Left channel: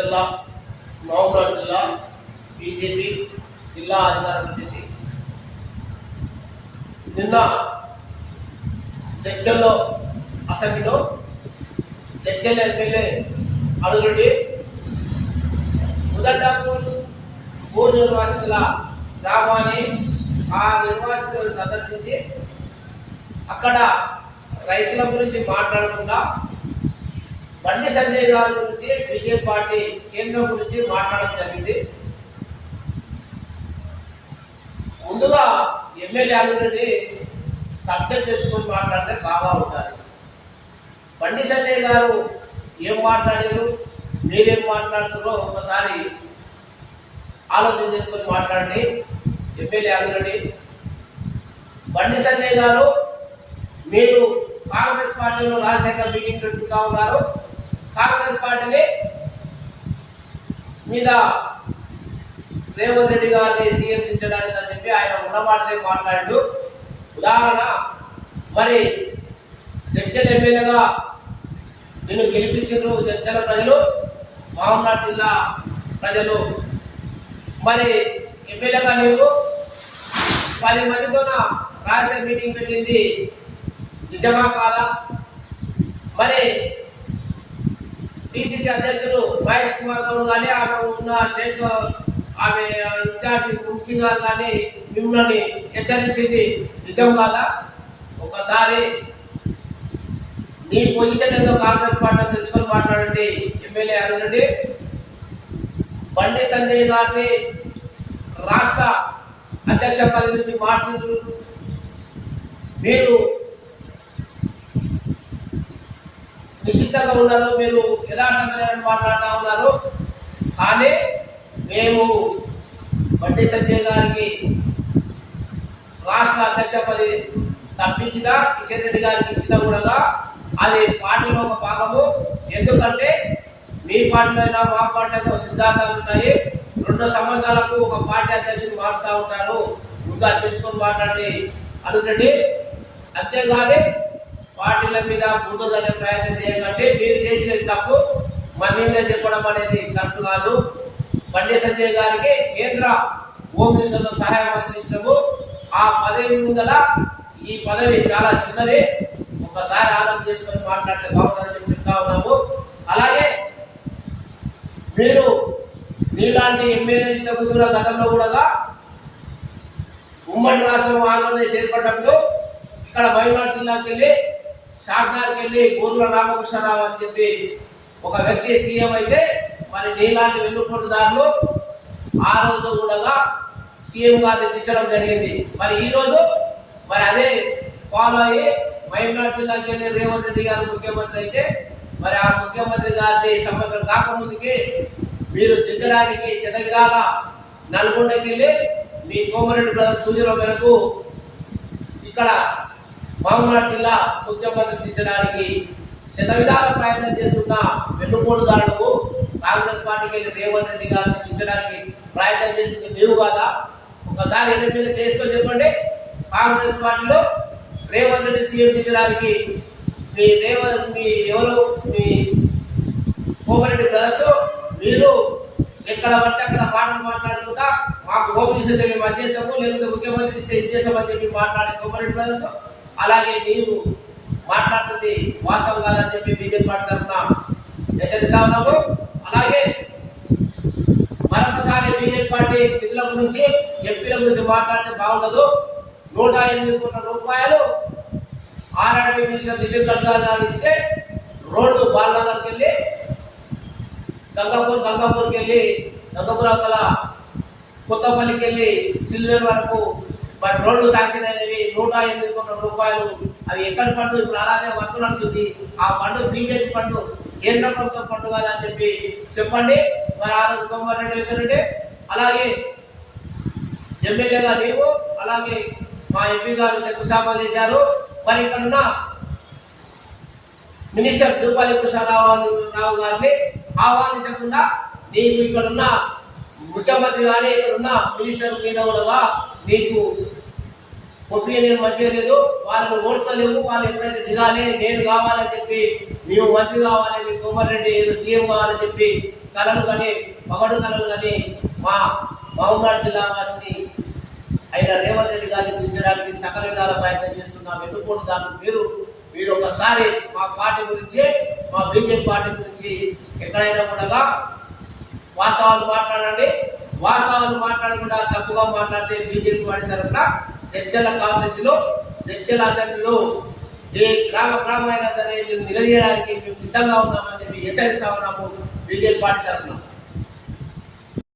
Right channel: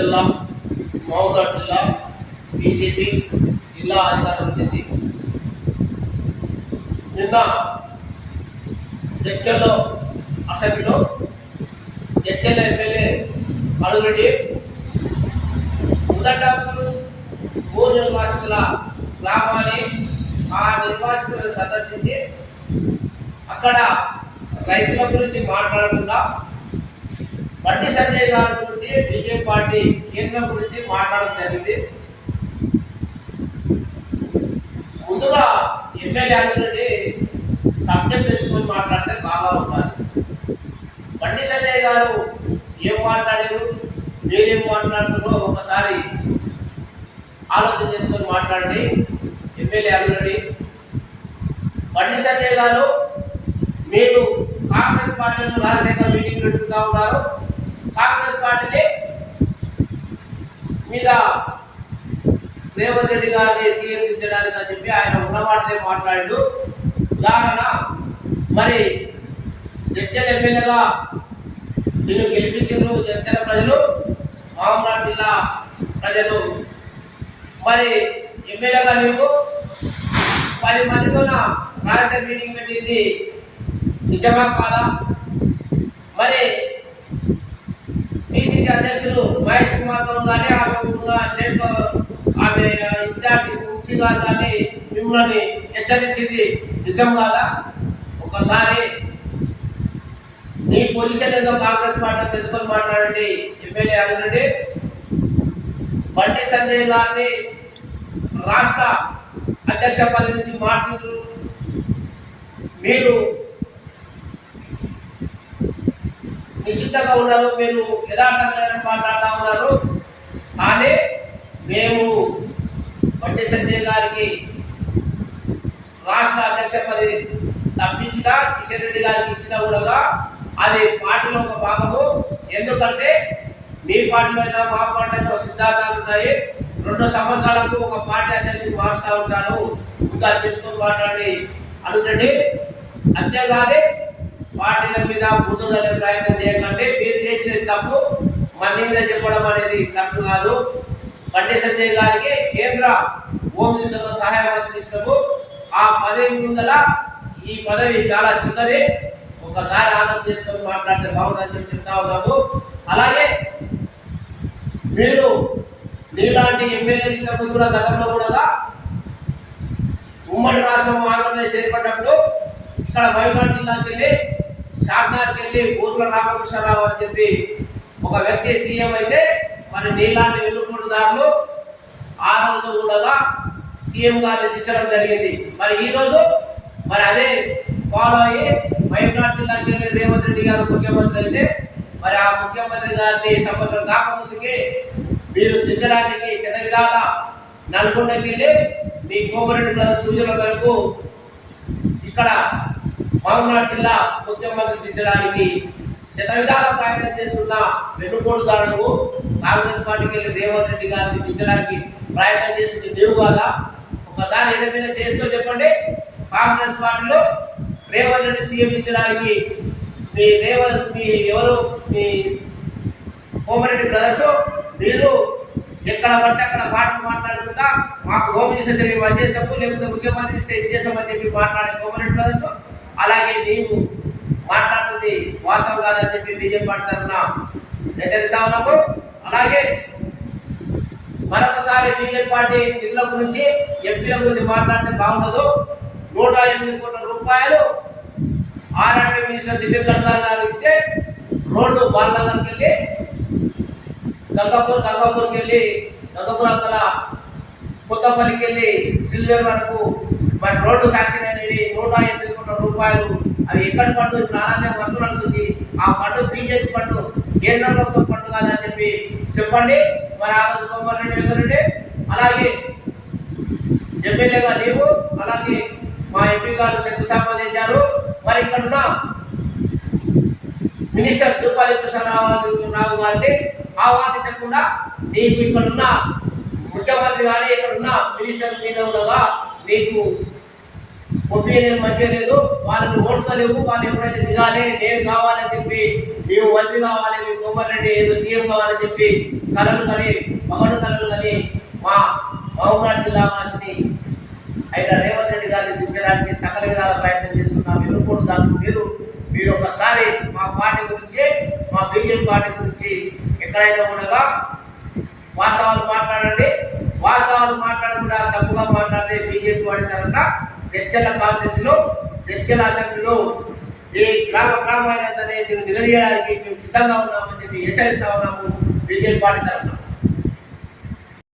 సిరిసిల్ల మహబూబ్నగర్ జిల్లా బీజేపీ జిల్లా అధికార ప్రతినిధి. నిన్న జడ్చల్లో అసెంబ్లీలో జడ్చల్ ఎమ్మెల్యే అడుగురెడ్డి ముదడ్డాపూర్ భూ నిర్వాసితుల గ్రామాన్ని ఆ నిర్వాసితులను సందర్శించి అక్కడ రైతుల గురించి మాట్లాడకుండా బండి సంజయ్ గారి గురించి బీజేపీ పార్టీ కేంద్రం గురించి మాట్లాడడం జరిగింది. ముందుగా ఎమ్మెల్యే అడుగురెడ్డి సబ్జెక్ట్ తెచ్చుకొని మాట్లాడితే బాగా ఉండాలి. బండి సంజయ్ గారు ఏం మాట్లాడారు, మీరేం మాట్లాడుతున్నారో ఒకసారి ఆలోచన చేసుకొని మాట్లాడండి. ఎమ్మెల్యే అడుగురెడ్డి, బండి సంజయ్ గారు మీరు కాంగ్రెస్ పార్టీలో రాజశేఖర్ మీటింగ్ పెట్టుకుంటా ఉన్నారు. కాంగ్రెస్ పార్టీని మీద రేవంత్ రెడ్డి గారిని సీఎం దించడానికి అని చెప్పి ఆయన ఉన్నమాటనే మాట్లాడు. ఉదాహరణ, మరి జడ్చల్ ఎమ్మెల్యేగా నిన్ను గెలిపించారు జడ్చల ప్రజలు, మహబూబ్నగర్ జిల్లా ప్రజలు. మరి ఎమ్మెల్యేగా నీవు 10 మందితో రాజశేఖర్ మీటింగ్ పెట్టింది నిజమా కాదా? మరి పిసిసి అధ్యక్షులు మహేష్ కుమార్ గౌడ్ కానీ ఆమె ఉన్న స్టేట్ ఆమె ఇన్ఛార్జి మున్సీ గారు కానీ మిమ్మల్ని హెచ్చరించింది నిజం కాదా? ఒకసారి నీ పొజిషన్ ఏదో కాంగ్రెస్ పార్టీ తెలుసుకొని మాట్లాడండి. ఎమ్మెల్యే అడుగురెడ్డి, బండి సంజయ్ గారిని రాష్ట్ర అధ్యక్ష పదవి నుంచి మార్చిండ్రు. మీరు నిశ్చితంగా ఉన్నారు, మీరు యథార్థంగా మాట్లాడుతూ ఉన్నారు. కానీ మేము బండి సంజయ్ గారికి రాష్ట్ర అధ్యక్ష పదవి తప్పించినా కిషన్ రెడ్డి గారికి ఇచ్చినా కూడా అది పార్టీలో ఒక భాగము. ఎందుకంటే మీ పార్టీలో అయినా మా పార్టీలో సిద్ధాంతాలు ఉన్నాయి. 2 సంవత్సరాలకు ఒక పార్టీ అధ్యక్షుడు మారుస్తూ ఉంటారు. ముందు అది తెలుసుకొని మాట్లాడి అడుగురండి. అంతేగాని పార్టీల మీద బుద్ధ చల్లే ప్రయత్నం చేయకండి. మీరు చేసినది తప్పు, మన మీద చెప్పడం అనేది కరెక్ట్ కాదు. బండి సంజయ్ గారికి కేంద్ర హోమ్ మినిస్టర్లో సహాయ మంత్రి ఇచ్చినాము. ఆ పదవి ముందల ఈ పదవి చాలా చిన్నది. ఒకసారి ఆలోచన చేసుకొని మాట్లాడితే బాగుందని చెప్పి చెప్తా ఉన్నాము. అలాగే మీరు నీలాంటి ఎమ్మెల్యేలు ఇంతకుముందు కూడా గతంలో కూడా ఉమ్మడి రాష్ట్రం ఆంధ్రప్రదేశ్ ఏర్పడినప్పుడు ఇక్కడ మహబూబ్నగర్ జిల్లాకి వెళ్ళి షాద్నగర్కి వెళ్ళి ఊర్ల రామకృష్ణరావు అని చెప్పి ఒక వ్యక్తి సీఎం అయితే, మరి నీలాంటి వెన్నుపోటుదారులు ఆ రోజు కూడా సీఎం గారిని దించడం జరిగింది. మరి ఈరోజు మరి అదే ఫాలో అయ్యి మహబూబ్నగర్ జిల్లాకి వెళ్ళి రేవంత్ రెడ్డి గారు ముఖ్యమంత్రి అయితే, మరి ఆ ముఖ్యమంత్రి గారిని సంవత్సరం కాకముందుకి మీరు దించడానికి శతవిధాల నల్గొండకి వెళ్ళి మీ కోమరెడ్డి బ్రదర్స్ సూచనల మేరకు ఇక్కడ మహబూబ్నగర్ జిల్లా ముఖ్యమంత్రి దించడానికి శతవిధాల ప్రయత్నం చేస్తున్న వెన్నుపోటుదారులకు కాంగ్రెస్ పార్టీకి వెళ్ళి రేవంత్ రెడ్డి గారిని దించడానికి ప్రయత్నం చేస్తుంది నీవు కాదా? ఒకసారి ఏదైనా మీద చేసుకొని చెప్పండి. కాంగ్రెస్ పార్టీలో రేవంత్ రెడ్డి సీఎం దించడానికి మీ ఎవరు మీ కోమరెడ్డి బ్రదర్స్ మీరు ఎక్కడ పడితే అక్కడ మాటలు మాట్లాడుకుంటా మాకు హోమ్ మినిస్టర్ మేము అది చేస్తాము, లేకపోతే ముఖ్యమంత్రి ఇస్తే ఇచ్చేస్తామని చెప్పి మాట్లాడే కోమరెడ్డి బ్రదర్స్. అలాగే నీవు మాట్లాడుతుంది వాస్తవం కాదని చెప్పి బీజేపీ పార్టీ తరఫున హెచ్చరిస్తా ఉన్నాము. అలాగే మరొకసారి బీజేపీ పార్టీ నిధుల గురించి ఎంపీల గురించి మాట్లాడితే బాగుండదు. 108 కోట్ల రూపాయలు ఆర్ఆర్బీ మినిస్టర్ నితిన్ గడ్కరీ గారు ఇస్తే రోడ్డు బాలనగర్కి వెళ్ళి గంగాపూర్కి వెళ్ళి గంగాపూర్ అవతల కొత్తపల్లికి వెళ్ళి సిల్వేర్ వరకు మరి రోడ్డు శాంక్షన్ అనేవి 108 కోట్ల రూపాయలు. అవి ఎక్కడి ఫండ్? ఇప్పుడు అలాగే వర్క్ నడుస్తుంది. ఆ ఫండ్ బీజేపీ ఫండ్, కేంద్ర ప్రభుత్వం ఫండ్ కాదని చెప్పి చెప్పండి. మరి ఆ రోజు కోమరెడ్డి వెంకరెడ్డి, అలాగే ఎమ్మెల్యేగా నీవు, అలాగే మా ఎంపీ గారు శంకుస్థాపన చేశారు. మరి ఇక్కడున్న మినిస్టర్ జూపాలి కృష్ణారావు గారిని ఆహ్వానించకుండా నీకు ఇక్కడున్న ముఖ్యమంత్రి కానీ ఇక్కడున్న మినిస్టర్ మీద కూడా నీకు ఒపీనియన్ మంచిగా లేదు. వాళ్ళని ఓడ్చలేవు. వాళ్ళు ఎప్పుడైతే దిగాలి, నేను కావాలని చెప్పి నీవు మంత్రి కావాలి, మీకు కోమర్ రెడ్డి ఏదో సీఎం కావాలని చెప్పి కలలు కానీ పగడు కలలు కానీ మా మహబూబాబాద్ జిల్లా వాసిని అయిన రేవంత్ రెడ్డి గారిని దించడానికి సకల విధాల ప్రయత్నం చేస్తున్నాం. వెన్నుపోటు దాన్ని మీరు ఒకసారి మా పార్టీ గురించి, మా బీజేపీ పార్టీ గురించి ఎక్కడైనా కూడా వాస్తవాలు మాట్లాడండి. వాస్తవాలు మాట్లాడకుండా తప్పుగా మాట్లాడితే బీజేపీ వాడి తరఫున జడ్చర్ల కాన్స్టిట్యూన్సీలో, జడ్చర్ల అసెంబ్లీలో ఏ గ్రామ అయినా సరే మేము నిలదీయడానికి మేము సిద్ధంగా ఉన్నామని చెప్పి హెచ్చరిస్తా ఉన్నాము బీజేపీ పార్టీ తరఫున.